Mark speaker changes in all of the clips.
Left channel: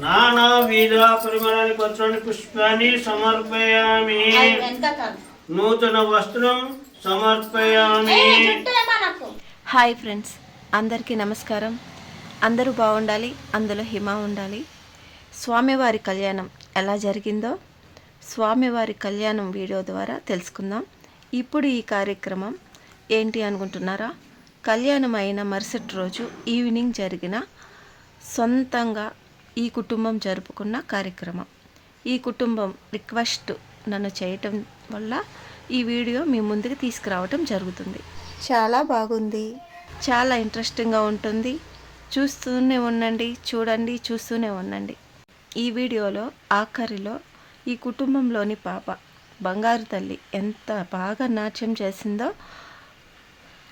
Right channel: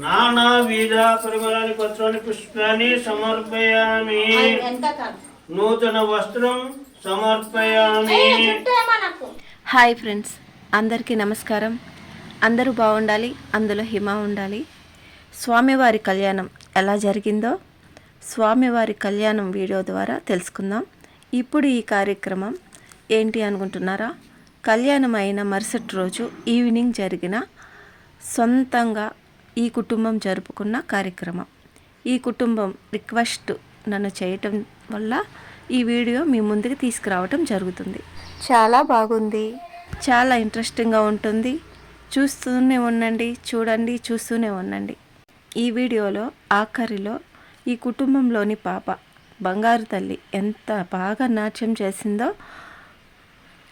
Speaker 1: నానావిధ పత్రాన్ని పుష్పాన్ని సమర్పయామి. నూతన వస్త్రం సమర్పయామి.
Speaker 2: హాయ్ ఫ్రెండ్స్ అందరికీ నమస్కారం. అందరూ బాగుండాలి అందులో హిమ ఉండాలి. స్వామివారి కళ్యాణం ఎలా జరిగిందో స్వామివారి కళ్యాణం వీడియో ద్వారా తెలుసుకుందాం. ఇప్పుడు ఈ కార్యక్రమం ఏంటి అనుకుంటున్నారా? కళ్యాణం అయిన మరుసటి రోజు ఈవినింగ్ జరిగిన సొంతంగా ఈ కుటుంబం జరుపుకున్న కార్యక్రమం. ఈ కుటుంబం రిక్వెస్ట్ నన్ను చేయటం వల్ల ఈ వీడియో మీ ముందుకు తీసుకురావటం జరుగుతుంది. చాలా బాగుంది. చాలా ఇంట్రెస్టింగ్గా ఉంటుంది. చూస్తూనే ఉండండి చూడండి చూస్తూనే ఉండండి. ఈ వీడియోలో ఆఖరిలో ఈ కుటుంబంలోని పాప బంగారు తల్లి ఎంత బాగా నాట్యం చేసిందో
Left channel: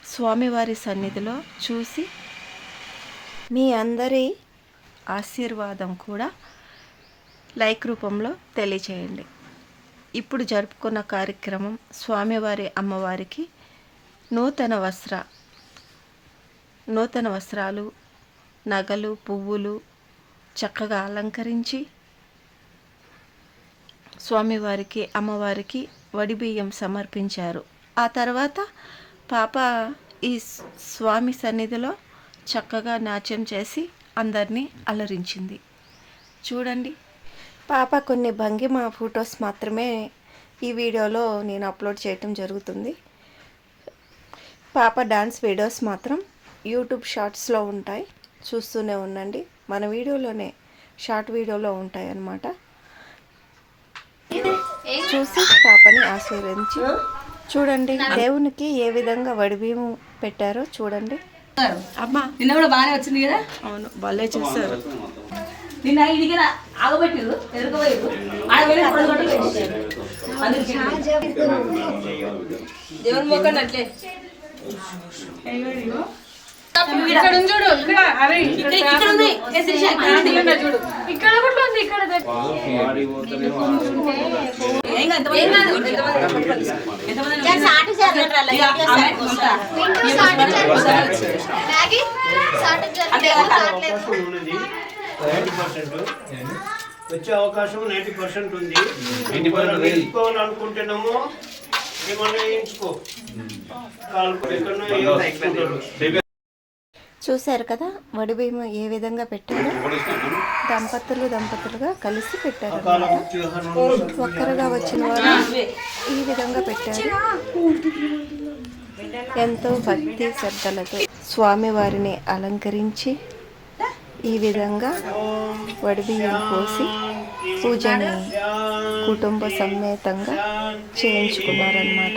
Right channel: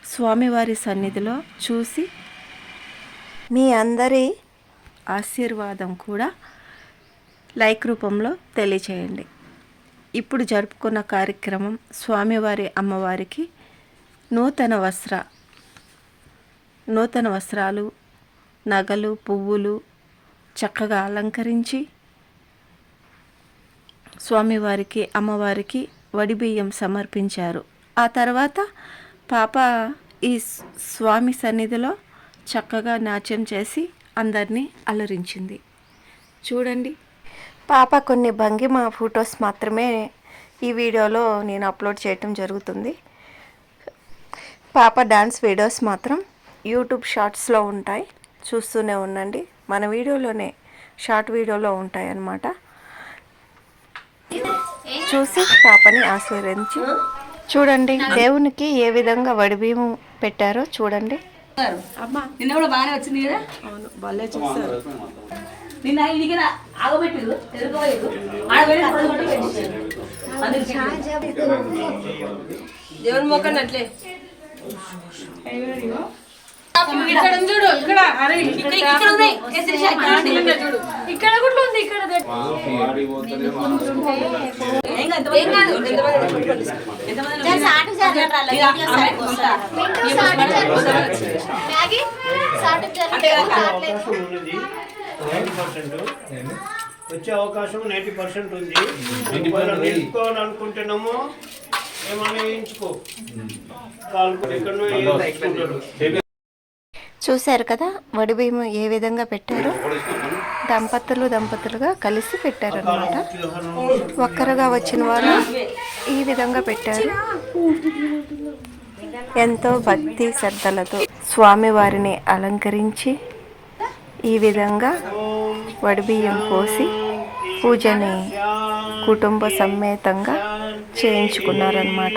Speaker 2: స్వామివారి సన్నిధిలో చూసి మీ అందరి ఆశీర్వాదం కూడా లైక్ రూపంలో తెలియచేయండి. ఇప్పుడు జరుపుకున్న కార్యక్రమం స్వామివారి అమ్మవారికి నూతన వస్త్ర నూతన వస్త్రాలు నగలు పువ్వులు చక్కగా అలంకరించి స్వామివారికి అమ్మవారికి వడిబియ్యం సమర్పించారు. ఆ తర్వాత పాప ఈ స్వామి సన్నిధిలో చక్కగా నాట్యం చేసి అందరినీ అలరించింది. చూడండి. పాప కొన్ని భంగిమ ఫొటోస్ మాత్రమే ఈ వీడియోలో నేను అప్లోడ్ చేయటం జరుగుతుంది. పాప డాన్స్ వీడియోస్ మాత్రం యూట్యూబ్ షార్ట్స్లో ఉంటాయి. చూస్తూనే ఉండండి. మన వీడియోలోనే షార్ట్ వీడియోలో ఉంటాయి అన్నమాట చూసి పాపని ఆశీర్వదించి చూడండి దేవునికి ఏ విధంగా వడిబీము పెట్టారో చూడండి.
Speaker 3: నిన్న కూడా బాగానే వచ్చింది కదా?
Speaker 2: అవును భలే చేస్తారు
Speaker 3: నిన్న ఇది కదా ఆగబెట్టిరు ఎదురుకోలేదు దేవుని మొక్కని అట్లే.
Speaker 4: ఇక్కడ ఉంది చూడు ఇక్కడ. అరే
Speaker 3: ఉంది.
Speaker 4: చూడు. కూడా ఉంది
Speaker 1: వచ్చే అవకాశం నైంటీ పర్సెంట్ ఉంది. నిలుపుకోవాలనుకుంటున్నామో ఏమన్నా వేయించుకో. కాలు ఎక్కడో
Speaker 2: చూశారు కదా వడిబీము ఏ విధంగా పెట్టారు? దంపతులు దంపతులుగా కలిసి పెట్టారు అన్నమాట ఒక్కరుగా వచ్చిన వాళ్ళు ఈ విధంగా పెట్టారు. ఎంతో భక్తి శ్రద్ధలతో స్వామివారిని అలంకరించి ఈ విధంగా వడిబియ్యం పోసి పూజని కుటుంబ సమేతంగా చేయించుకున్నారనమాట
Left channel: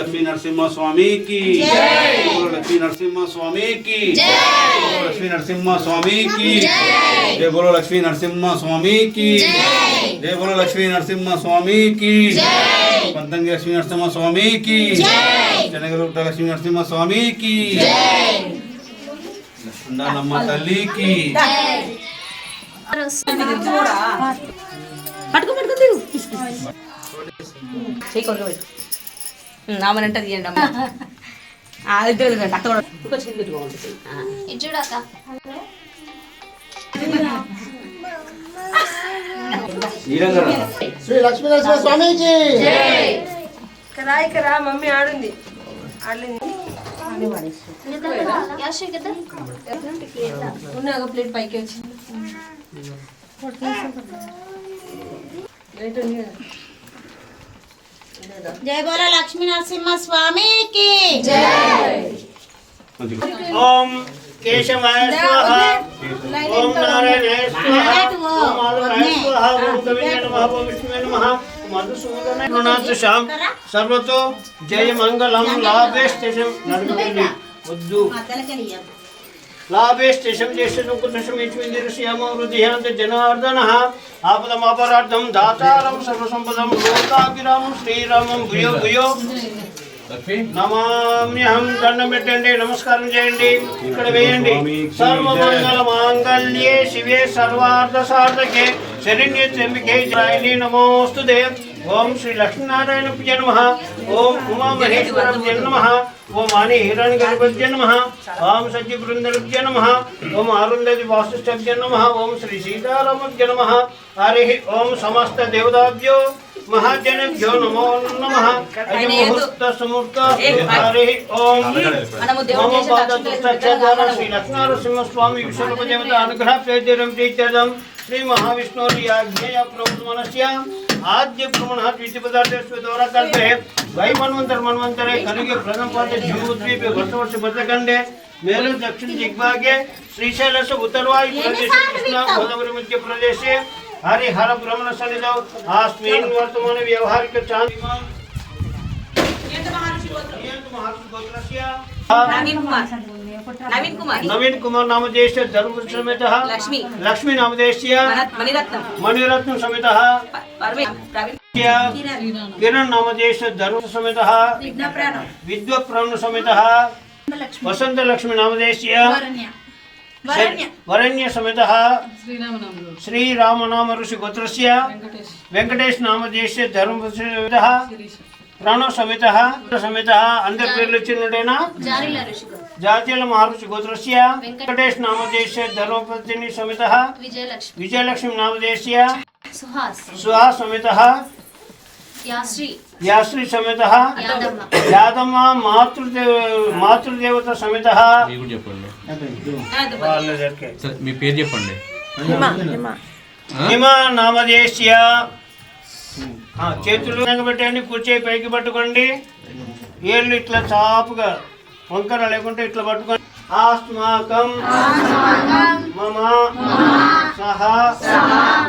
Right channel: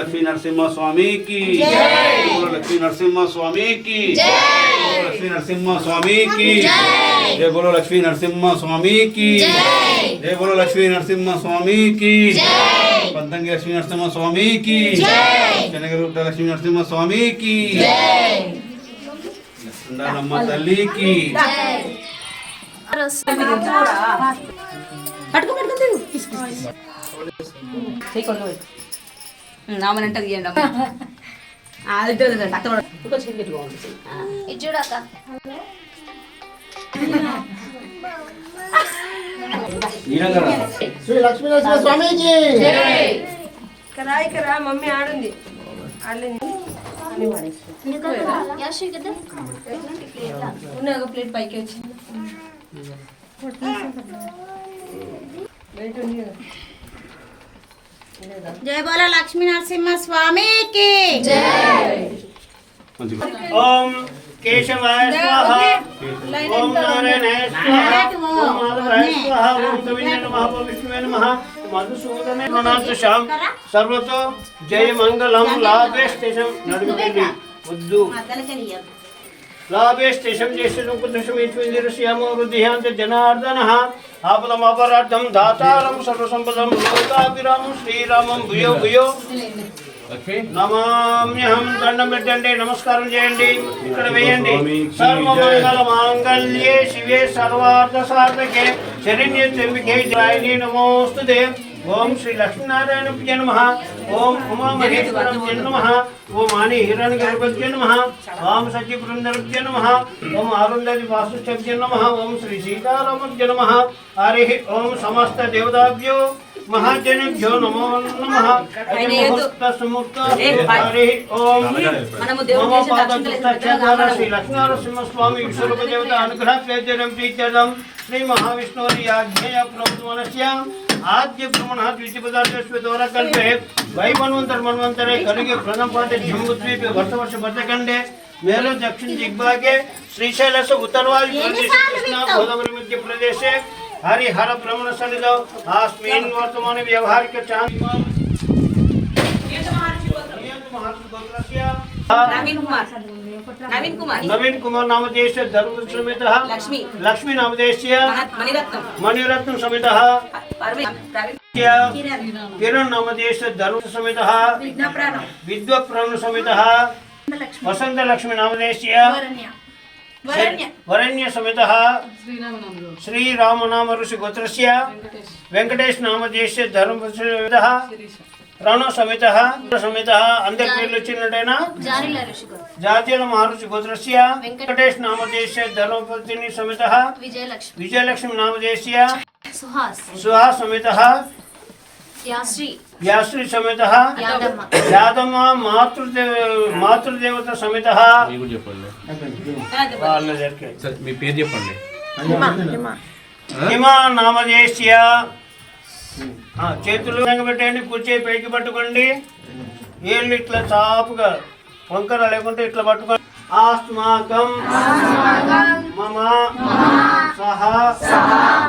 Speaker 5: లక్ష్మీ నరసింహ స్వామికి లక్ష్మీ నరసింహ స్వామికి లక్ష్మీ నరసింహ స్వామికి జయ బోలో లక్ష్మీ నరసింహ స్వామికి జయ బోలో లక్ష్మీ నరసింహ స్వామికి జయ అద్దంగి లక్ష్మీ నరసింహ స్వామికి చెనగరూట లక్ష్మీ నరసింహ
Speaker 3: స్వామికి. ఉండాలమ్మ తల్లికి. నామనంటే అక్కడ ఉండండి. ఇంకో చిన్న పెట్టుకోండి
Speaker 6: శ్రీ లక్ష్మీనరసింహ స్వామీజీ
Speaker 4: ఇక్కడ ఇక్కడ మమ్మీ ఆడుంది ఆడలేదు ఉన్న ఒక ప్లేట్ పైకి వచ్చింది వెయిట్ ఉంది కదా.
Speaker 7: జయ బోలో లక్ష్మీ నరసింహ స్వామికి.
Speaker 1: ఓం కేశవాయ స్వాహ. ఓం నారాయణాయ స్వాహ. మధుసూదనే సర్వతో జయ మంగళం లాభే స్టేషన్ నడుగుతుంది వద్దు. లాభే స్టేషన్ కుటుంబం వృద్ధియాంత జనార్దన. ఆపదమాపరార్థం దాతారం సర్వసంపదం లోకాభిరామం శ్రీరామం భూయో భూయో. నమామ్యహం దండం పెట్టండి నమస్కారం చేయండి ఇక్కడ వేయండి సర్వమంగళ మాంగళ్యే శివే సర్వార్థ సాధకే శరణ్య త్ర్యంబకే జాయిని నమోస్తుతే ఓం శ్రీ లక్ష్మీనారాయణ పూజ నమ ఓం ఉమా మహేశ్వర పూజ నమ ఓం ఆని హిరణ్ గర్భజ్య నమ ఓం సచి బృందరుభ్య నమ ఓం ఆరుండది వాసుష్టభ్య నమ ఓం శ్రీ సీతారామభ్య నమ హరి ఓం సమస్త దేవతాభ్యో మహాజనేభ్యో నమో నమ ముహూర్త సుమూర్త హరి ఓం
Speaker 3: మనము దేవుడి
Speaker 1: మమ
Speaker 3: చేసిన
Speaker 1: పాదం
Speaker 3: లక్ష్మీ
Speaker 1: పుస్తకాల శ్రీ లక్ష్మీనరసింహ స్వామి आज जे प्रमाण हात विषय पदार्थ उसमें द्वारा करते हैं वही मनवंतर मनवंतर है कल के प्रथम पाते जमुद्वी पे वर्ष वर्ष बदखंड है मेरे दक्षिण दिग्भागे श्रीशैल से उत्तरवायु प्रदेश कृष्णा गोदावरी मध्य प्रदेश है हरिहर ब्रह्मण सन्निधौ आस्मीन वर्तमान व्यवहार के चांद
Speaker 3: नवीन कुमार। నవీన్ కుమార్
Speaker 1: నవీన్ కుమార్ నామధేయ ధర్మపురుష సమేత
Speaker 3: లక్ష్మి
Speaker 1: లక్ష్మి
Speaker 3: నామధేయ మణిరత్నం किरण
Speaker 1: धर्म समेत विद्व समेत वसंत लक्ष्मी नामधेय वरण्य। समेत श्री राम नाम ऋषि गोत्र वेंकटेश नामधेय धर्म समेत ప్రాణ సమేత సమేత అందరి పేర్లు వచ్చినట్టేనా జాతీయ మహర్షి గోత్రస్య వెంకటేష్ నామదేశ్య ధర్మపత్ని సమేత
Speaker 8: విజయలక్ష్మి.
Speaker 1: విజయలక్ష్మి నామదేశ్య
Speaker 8: సుహాస్.
Speaker 1: సుహా సమేత
Speaker 8: యాశ్రీ
Speaker 1: సమేత
Speaker 8: యాదమ్మ.
Speaker 1: యాదమ్మ మాతృదేవ మాతృదేవత సమేత.
Speaker 5: మీ పేరు చెప్పండి.
Speaker 2: హిమ
Speaker 1: నామదేశ్య చేతులు వెనక పెట్టండి కూర్చే పైకి పట్టుకోండి. ఏళ్ళు ఇట్లా చాపుగా వంకర లేకుంటే ఇట్లా పట్టుకోండి. ఆస్మాకం మమ. सह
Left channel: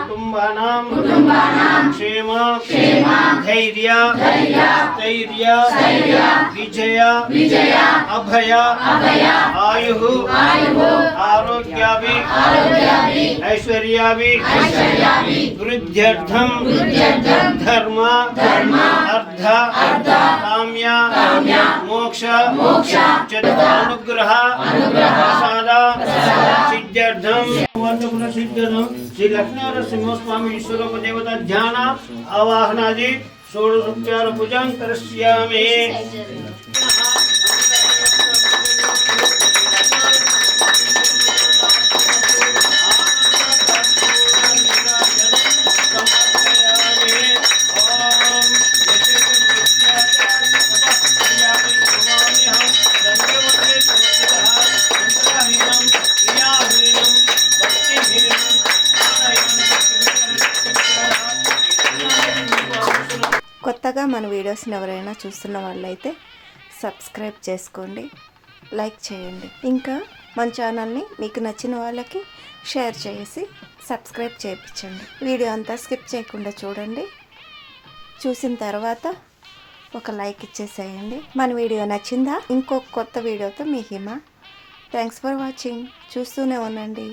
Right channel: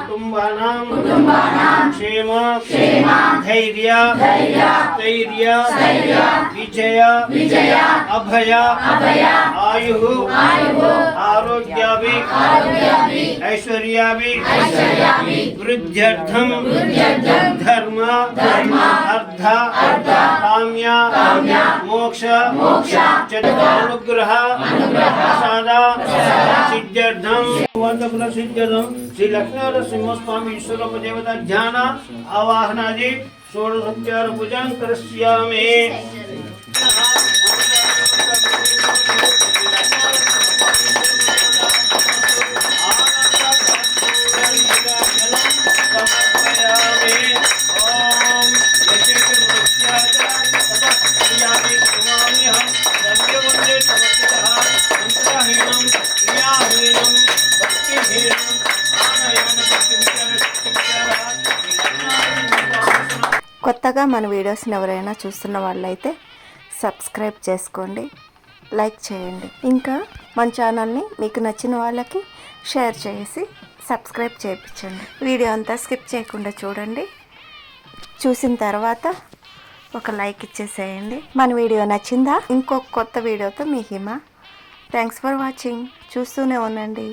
Speaker 1: कुटुम्बानां कुटुम्बानां क्षेम क्षेम धैर्य धैर्य स्थैर्य स्थैर्य विजय विजय अभय अभय आयुः आयुः आरोग्याभि आरोग्याभि ऐश्वर्याभि ऐश्वर्याभि वृद्ध्यर्थं वृद्ध्यर्थं धर्म धर्म అర్థ కామ్య మోక్ష అనుగ్రహ ప్రసాద సిద్ధ్యర్థం వందకుల సిద్ధ్యర్థం శ్రీ లక్ష్మీవర సింహస్వామి ఈశ్వరూప దేవత ధ్యాన ఆవాహనాది షోడశోపచార కరిష్యామి
Speaker 2: కొత్తగా మన వీడియోస్ని ఎవరైనా చూస్తున్న వాళ్ళైతే సబ్స్క్రైబ్ చేసుకోండి లైక్ చేయండి. ఇంకా మన ఛానల్ని మీకు నచ్చిన వాళ్ళకి షేర్ చేసి సబ్స్క్రైబ్ చేయించండి. వీడియో అంతా స్కిప్ చేయకుండా చూడండి. చూసిన తర్వాత ఒక లైక్ ఇచ్చేసేయండి. మన వీడియో నచ్చిందా? ఇంకొక కొత్త వీడియోతో మీ హిమ. థ్యాంక్స్ ఫర్ వాచింగ్ చూస్తూనే ఉండండి.